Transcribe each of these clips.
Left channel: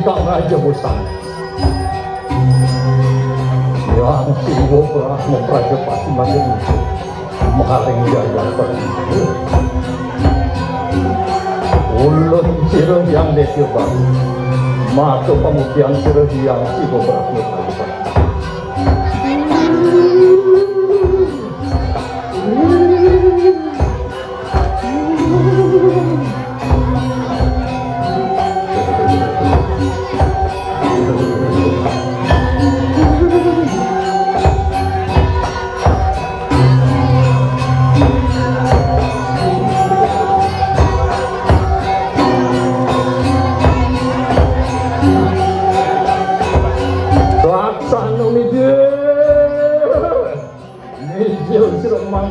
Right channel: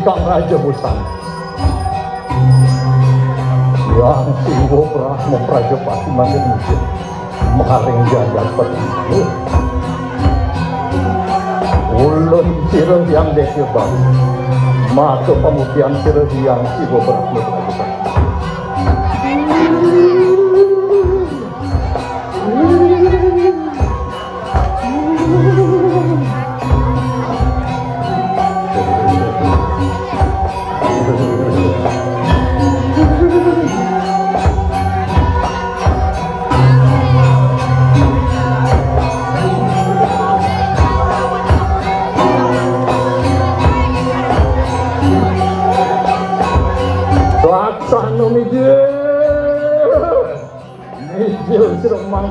Ikang Raja Bosan yang sungguh telah memperajapati makin itu mengharing jalan pergi ulun sirah yang dekebang masuk kemudian sirah yang sibuk berkata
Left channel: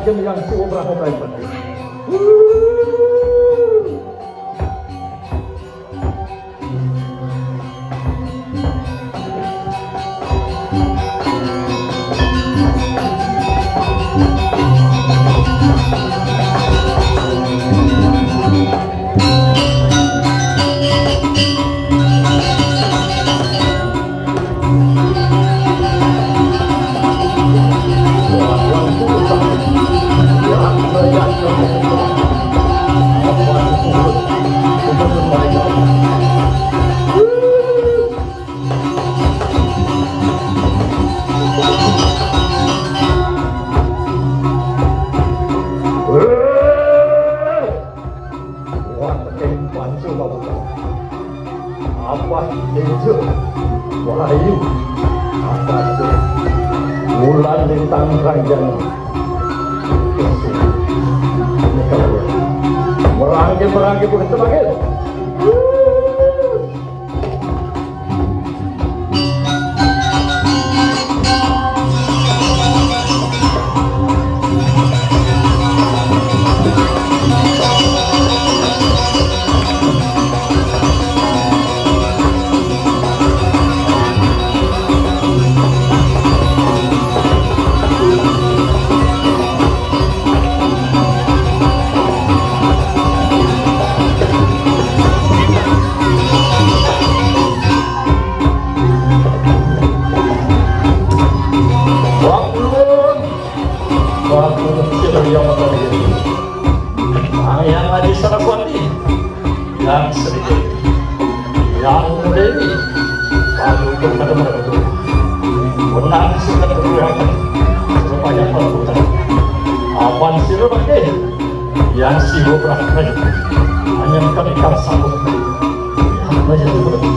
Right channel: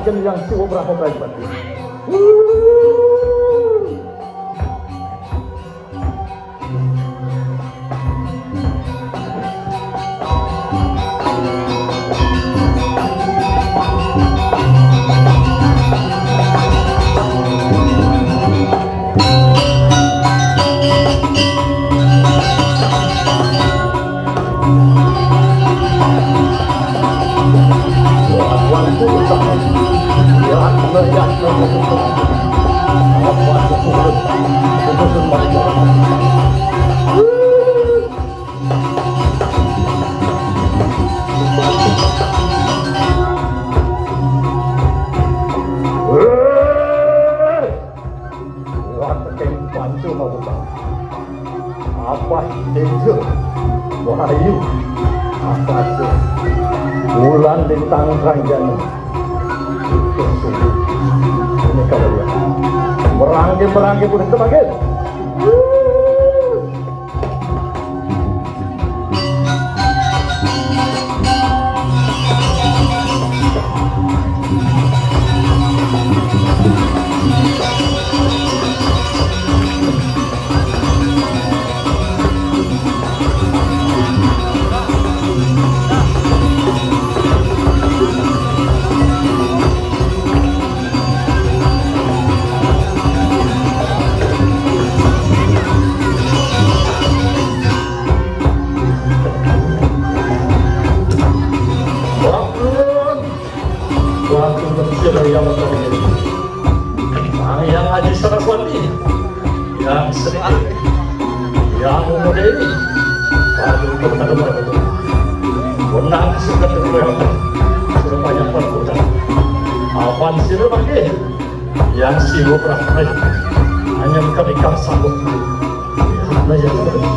mungkin yang cukup berapa banyak. Bulan bintang ranjang merangkip pun sebagai yang Haji Saraswati, yang sedikit, yang muda ini, lalu berkata itu, menang sudah terberapa, supaya pada putar, awan sirah pakai, yang sibuk rakyat, hanya ketika sambut, hamba itu berarti.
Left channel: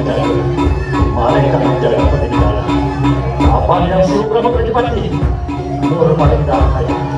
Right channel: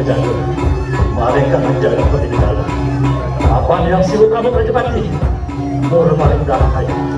berjangkut. Mari kami jaga pendidikan. Apa yang silu Prabu Rajapati? Murah paling dalam kayu.